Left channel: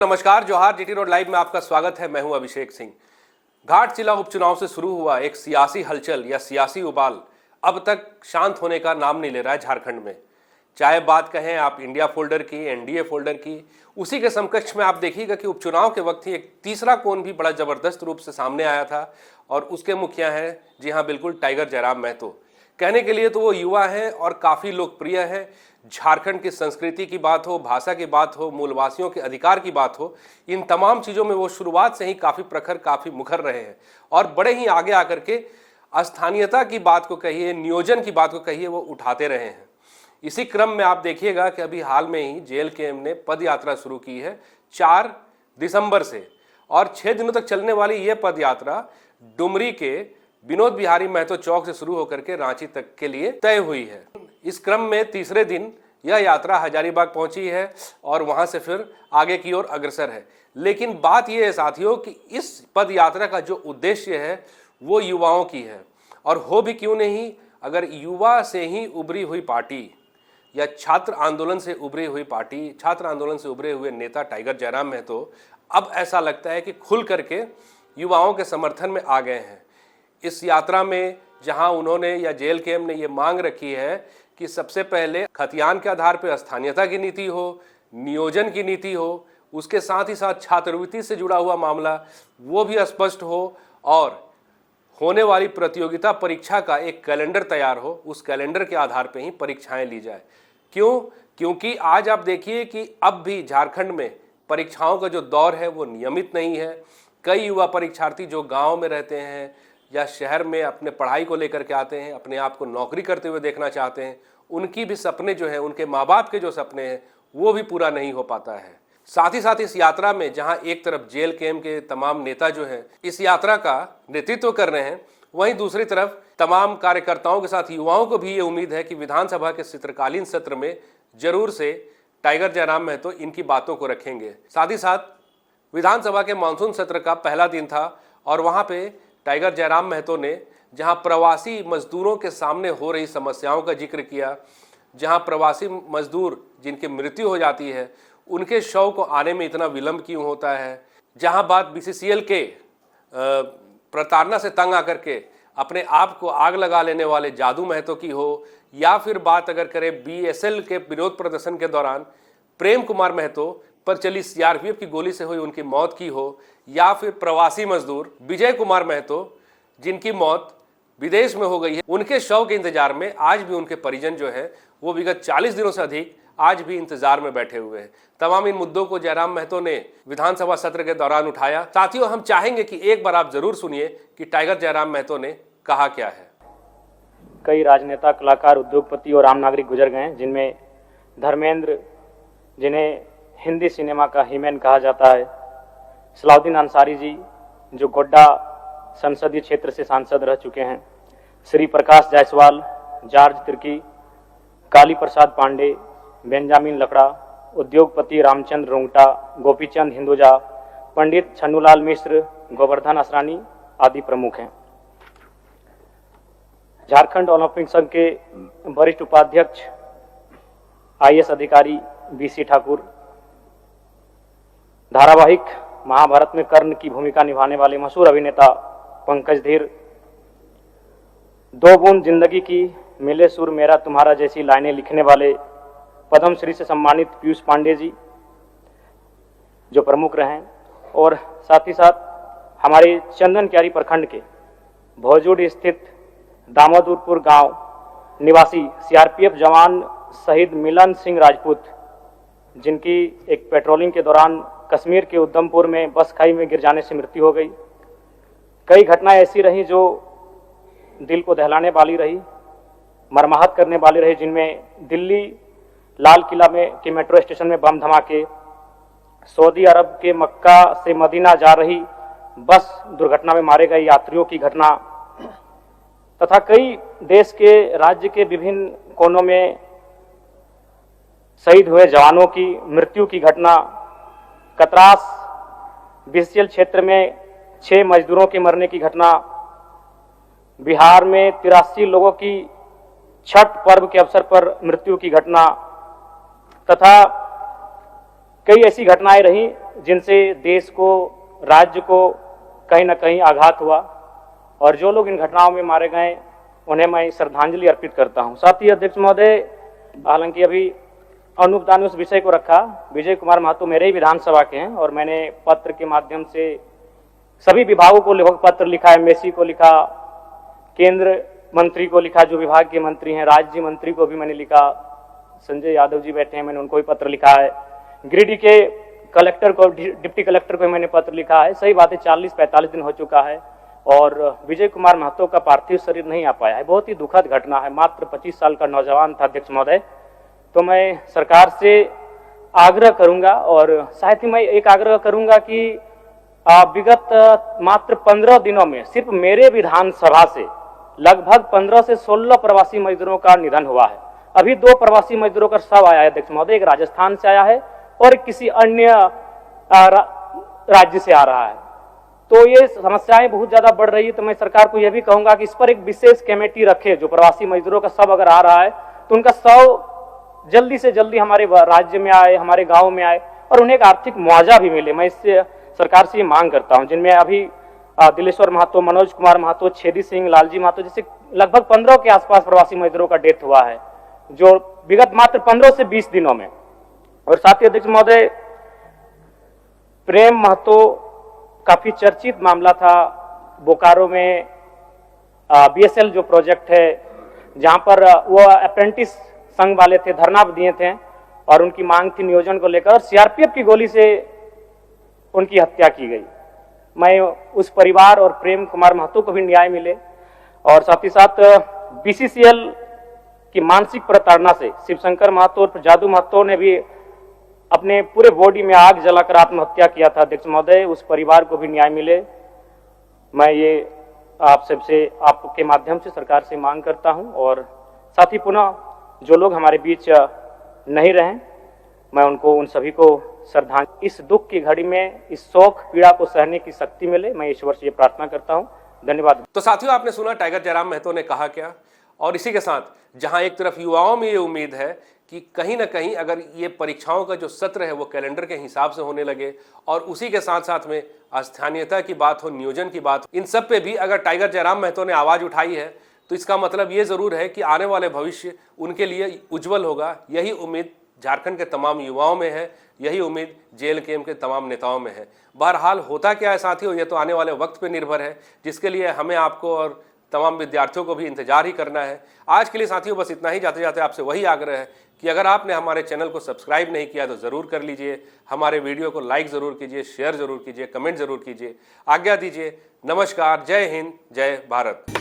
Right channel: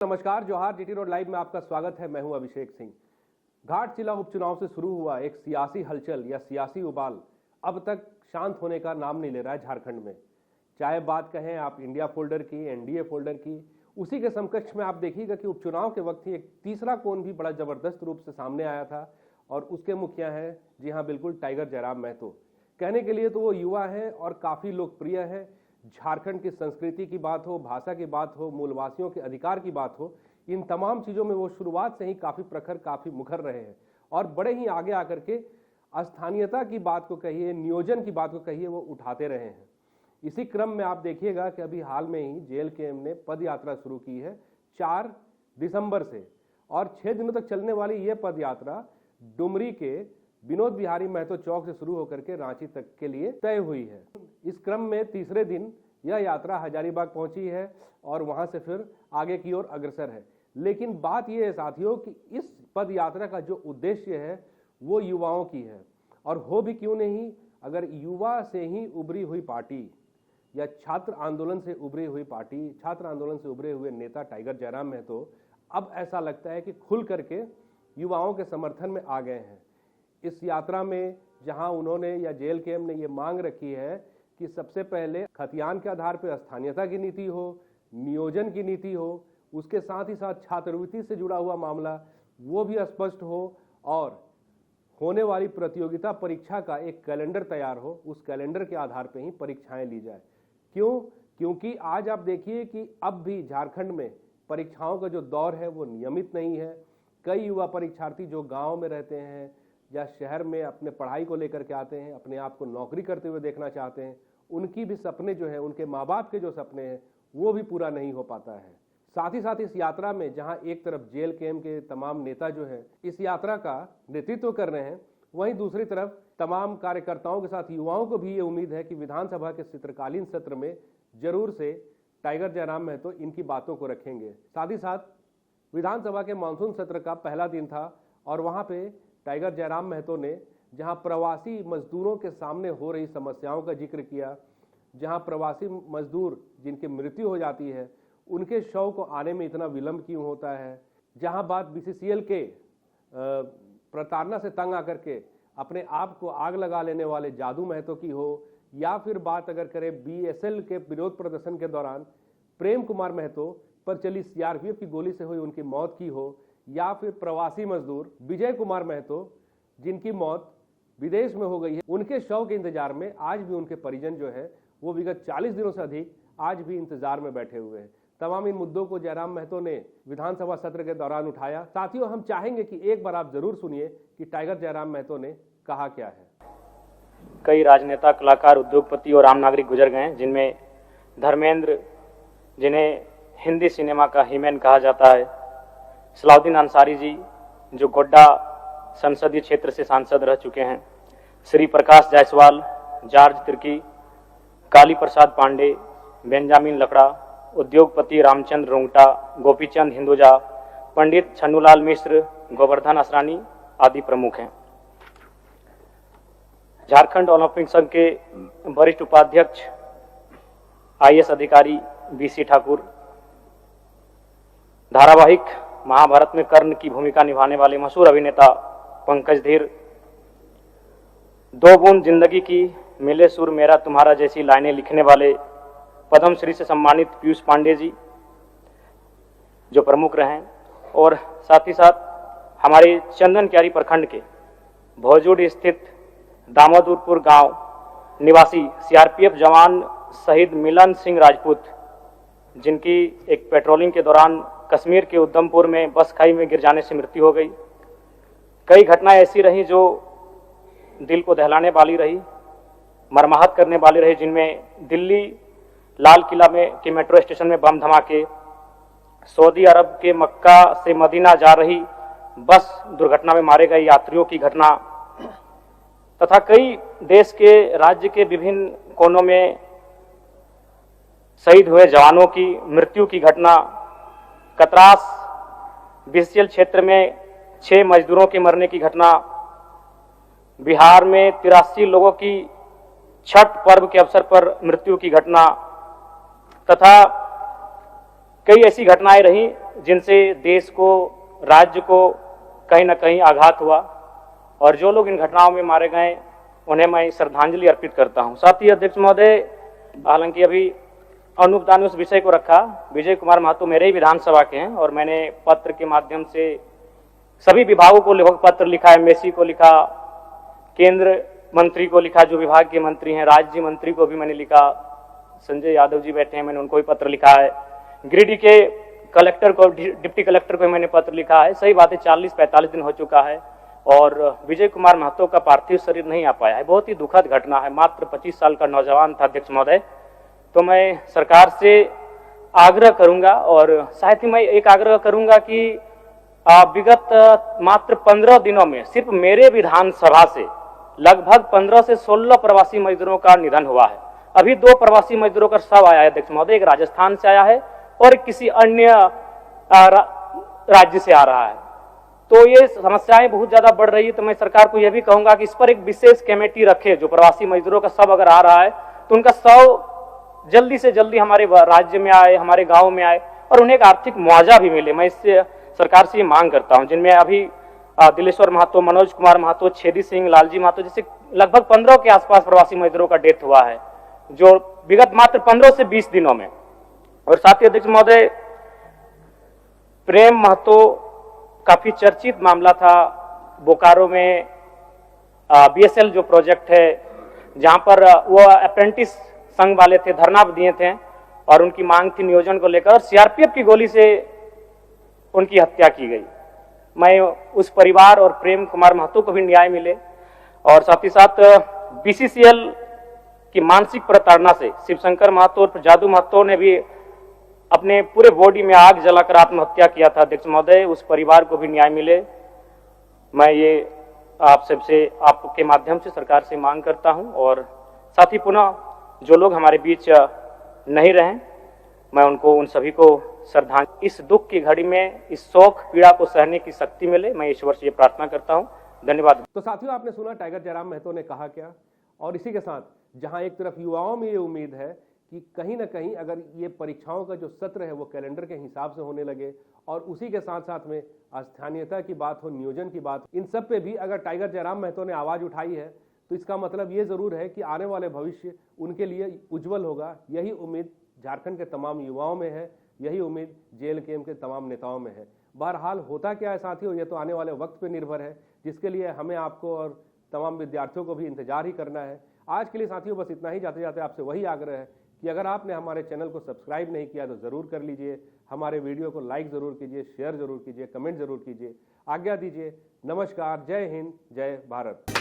नमस्कार, जोहार। GT road live में आपका स्वागत है। मैं हूं अभिषेक सिंह। घाटशिला उपचुनाव से शुरू हुआ एक सियासी हलचल या सियासी उबाल अब तक शांत होने का नाम नहीं ले रहा है झारखंड में। चाहे बात कहें आप इंडिया फोल्डर की, एनडीए फोल्डर की, उसी के समकक्ष में आप देखिएगा कि उपचुनाव के वक्त ही एक तीसरा कोण भी बड़ा जबरदस्त रूप से सामने आया था और उसके मुखिया हैं, जी हाँ बिल्कुल, टाइगर जयराम महतो। कहने के लिए तो वो युवा हैं और काफ़ी लोकप्रिय है। झारखंड की संस्कृति की बात हो, भाषा की बात हो, मूलवासियों के अधिकार की बात हो, इन तमाम चीज़ों में वो शुरुआत से ही काफ़ी प्रखर, काफ़ी मुखर रहे हैं और बड़े ही आगे आकर के स्थानीयता की बात को कहिए, नियोजन की बात को कहिए, वो उठाते रहे हैं। इसी क्रम में आप देखिएगा कि अभी हाल में ही जेएलकेएम ने पद यात्रा शुरू की है 4 दिसंबर से और 6 दिनों तक चलने वाली ये पद यात्रा डुमरी के विनोद बिहारी महतो चौक से शुरू होकर के रांची तक के लिए तय हुई है। इस क्रम में तीसरे दिन यह यात्रा हजारीबाग पहुंची है और वहां से फिर आगे की ओर अग्रसर है। लेकिन बात यह है साथियों कि इस पद यात्रा का जो उद्देश्य है वो युवाओं की है और हो भी क्यों नहीं, अगर युवा से ही उभरी हुई पार्टी या छात्र आंदोलन से उभरी हुई पार्टी, छात्र आंदोलन से उभरे हुए नेता टाइगर जयराम महतो अब ऐसा लगता है कि खुल करके युवाओं के समर्थन में आ गए हैं। इस यात्रा में जहां उन्होंने या जेएलकेएम ने ये मांग रखी है कि सबसे पहले खतियान के आधार पर स्थानीयता की नीति हो, नियोजन की नीति हो, उसके साथ ही साथ छात्रवृत्ति से जुड़ा हुआ मामला वो भी स्पष्ट हो और होने वाली प्रतियोगिता परीक्षा का एक कैलेंडर तैयार हो, उस कैलेंडर के आधार पर ही परीक्षाएं ली जाए। क्यों? क्योंकि आज आप देखिए कि अब भी झारखंड में परीक्षाओं का जो दौर है वो नियमित नहीं है। कई युवा परीक्षार्थी जो गाँव में रहते हैं या शहर में अपने पढ़ाई को लेकर के आते हैं, अपने आप को नौकरी करते हुए देखना चाहते हैं, उनकी भी सपने जो हैं, उनके माँ बाप के जो सपने हैं वो भी पूरा नहीं हो पाता है। साथ ही साथ इस यात्रा में जहां एक तरफ जेएलकेएम के तमाम नेता जो हैं इस यात्रा का नेतृत्व कर रहे हैं, वहीं दूसरी तरफ तमाम कार्यकर्ताओं के साथ युवाओं को भी ये उम्मीद है कि विधानसभा के शीतकालीन सत्र में जरूर से टाइगर जयराम महतो इनकी बातों को रखेंगे। साथ ही साथ विधानसभा के मानसून सत्र का पहला दिन था और वहाँ पे टाइगर जयराम महतो ने जहां प्रवासी मजदूरों के सामने हो रही समस्याओं का जिक्र किया, जहां प्रवासी मजदूर जिनकी मृत्यु हो जाती है उनके शव को आने में इतना विलंब क्यों होता है, जहां बात बीसीसीएल के प्रताड़ना से तंग आकर के अपने आप को आग लगा लेने वाले जादू महतो की हो, या फिर बात अगर करें बीएसएल के विरोध प्रदर्शन के दौरान प्रेम कुमार महतो पर चली सीआरपीएफ की गोली से हुई उनकी मौत की हो, या फिर प्रवासी मजदूर विजय कुमार महतो जिनकी मौत विदेश में हो गई है, उनके शव के इंतजार में आज भी उनके परिजन जो है वो विगत 40 दिनों से अधिक आज भी इंतजार में बैठे हुए हैं। तमाम इन मुद्दों को जयराम महतो ने विधानसभा सत्र के दौरान उठाया। साथियों, हम चाहेंगे कि एक बार आप जरूर सुनिए कि टाइगर जयराम महतो ने कहा क्या है। कई राजनेता, कलाकार, उद्योगपति और आम नागरिक गुजर गए, जिनमें धर्मेंद्र, जिन्हें हिंदी सिनेमा का हीमैन कहा जाता है, सलाउद्दीन अंसारी जी जो गोड्डा संसदीय क्षेत्र से सांसद रह चुके हैं, श्री प्रकाश जायसवाल, जॉर्ज तिर्की, काली प्रसाद पांडे, बेंजामिन लकड़ा, उद्योगपति रामचंद्र रोंगटा, गोपीचंद हिंदुजा, पंडित छन्नूलाल मिश्र, गोवर्धन असरानी आदि प्रमुख हैं। झारखंड ओलंपिक संघ के वरिष्ठ उपाध्यक्ष आईएएस अधिकारी बीसी ठाकुर, धारावाहिक महाभारत में कर्ण की भूमिका निभाने वाले मशहूर अभिनेता पंकज धीर, दो बूंद जिंदगी की, मिले सुर मेरा तुम्हारा जैसी लाइनें लिखने वाले पद्मश्री से सम्मानित पीयूष पांडे जी जो प्रमुख रहे, और साथ ही साथ हमारे चंदन क्यारी प्रखंड के भौजुड़ स्थित दामोदरपुर गांव निवासी सीआरपीएफ जवान शहीद मिलन सिंह राजपूत, जिनकी एक पेट्रोलिंग के दौरान कश्मीर के उधमपुर में बस खाई में गिर जाने से मृत्यु हो गई। कई घटनाएं ऐसी रहीं जो दिल को दहलाने वाली रही, मर्माहत करने वाली रही, जिनमें दिल्ली लाल किला में के मेट्रो स्टेशन में बम धमाके, सऊदी अरब के मक्का से मदीना जा रही बस दुर्घटना में मारे गए यात्रियों की घटना, तथा कई देश के राज्य के विभिन्न कोनों में शहीद हुए जवानों की मृत्यु की घटना, कतरास बीसीएल क्षेत्र में 6 मजदूरों के मरने की घटना, बिहार में 83 लोगों की छठ पर्व के अवसर पर मृत्यु की घटना, तथा कई ऐसी घटनाएं रही जिनसे देश को, राज्य को कहीं ना कहीं आघात हुआ, और जो लोग इन घटनाओं में मारे गए उन्हें मैं श्रद्धांजलि अर्पित करता हूं। साथ ही अध्यक्ष महोदय, हालांकि अभी अनूप दा ने उस विषय को रखा, विजय कुमार महतो मेरे ही विधानसभा के हैं और मैंने पत्र के माध्यम से सभी विभागों को लगभग पत्र लिखा, एमएससी को लिखा, केंद्र मंत्री को लिखा, जो विभाग के मंत्री हैं, राज्य मंत्री को भी मैंने लिखा, संजय यादव जी बैठे हैं, मैंने उनको भी पत्र लिखा है, गिरिडीह के कलेक्टर को, डिप्टी कलेक्टर को मैंने पत्र लिखा है। सही बात है, 40-45 दिन हो चुका है और विजय कुमार महतो का पार्थिव शरीर नहीं आ पाया है। बहुत ही दुखद घटना है, मात्र 25 साल का नौजवान था अध्यक्ष महोदय। तो मैं सरकार से आग्रह करूंगा और साथ ही मैं एक आग्रह करूंगा कि विगत मात्र 15 दिनों में सिर्फ मेरे विधानसभा से लगभग 15 से 16 प्रवासी मजदूरों का निधन हुआ है। अभी 2 प्रवासी मजदूरों का शव आया है अध्यक्ष महोदय, एक राजस्थान से आया है और किसी अन्य राज्य से आ रहा है। तो ये समस्याएं बहुत ज्यादा बढ़ रही है। तो मैं सरकार को यह भी कहूंगा कि इस पर एक विशेष कमेटी रखे, जो प्रवासी मजदूरों का शव अगर आ रहा है तो उनका शव जल्दी से जल्दी हमारे राज्य में आए, हमारे गांव में आए और उन्हें एक आर्थिक मुआवजा भी मिले। मैं इससे सरकार से ये मांग करता हूं, जिनमें अभी दिलेश्वर महतो, मनोज कुमार महतो, छेदी सिंह, लालजी महतो जैसे लगभग 15 के आसपास प्रवासी मजदूरों का डेथ हुआ है, जो विगत मात्र 15 से 20 दिनों में। और साथ ही अध्यक्ष महोदय, प्रेम महतो काफी चर्चित मामला था, बोकारो में बीएसएल जो प्रोजेक्ट है, जहां पर वो अप्रेंटिस संघ वाले थे, धरना दिए थे और उनकी मांग थी नियोजन को लेकर, और सीआरपीएफ की गोली से उनकी हत्या की गई। मैं उस परिवार और प्रेम कुमार महतो को भी न्याय मिले। और साथ ही साथ बीसीसीएल की मानसिक प्रताड़ना से शिवशंकर महतो और जादू महतो ने भी अपने पूरे बॉडी में आग जलाकर आत्महत्या किया था अध्यक्ष महोदय, उस परिवार को भी न्याय मिले। मैं ये आप सबसे, आपके माध्यम से सरकार से मांग करता हूं। और साथ ही पुनः जो लोग हमारे बीच नहीं रहे, मैं उनको, उन सभी को श्रद्धांजलि। इस दुख की घड़ी में इस शोक पीड़ा को सहने की शक्ति मिले, मैं ईश्वर से ये प्रार्थना करता हूं। धन्यवाद। तो साथियों, आपने सुना टाइगर जयराम महतो ने कहा क्या। और इसी के साथ जहां एक तरफ युवाओं में ये उम्मीद है कि कहीं ना कहीं अगर ये परीक्षाओं का जो सत्र है वो कैलेंडर के हिसाब से होने लगे और उसी के साथ साथ में स्थानीयता की बात हो, नियोजन की बात हो, इन सब पे भी अगर टाइगर जयराम महतो ने आवाज़ उठाई है तो इसका मतलब ये ज़रूर है कि आने वाले भविष्य उनके लिए उज्जवल होगा। यही उम्मीद झारखंड के तमाम युवाओं में है, यही उम्मीद जेएलकेएम के तमाम नेताओं में है। बहरहाल होता क्या है साथियों, ये तो आने वाले वक्त पे निर्भर है, जिसके लिए हमें, आपको और तमाम विद्यार्थियों को भी इंतजार ही करना है। आज के लिए साथियों बस इतना ही। जाते जाते आपसे वही आग्रह है कि अगर आपने हमारे चैनल को सब्सक्राइब नहीं किया तो ज़रूर कर लीजिए, हमारे वीडियो को लाइक ज़रूर कीजिए, शेयर ज़रूर कीजिए, कमेंट ज़रूर कीजिए। आज्ञा दीजिए। नमस्कार, जय हिंद, जय भारत।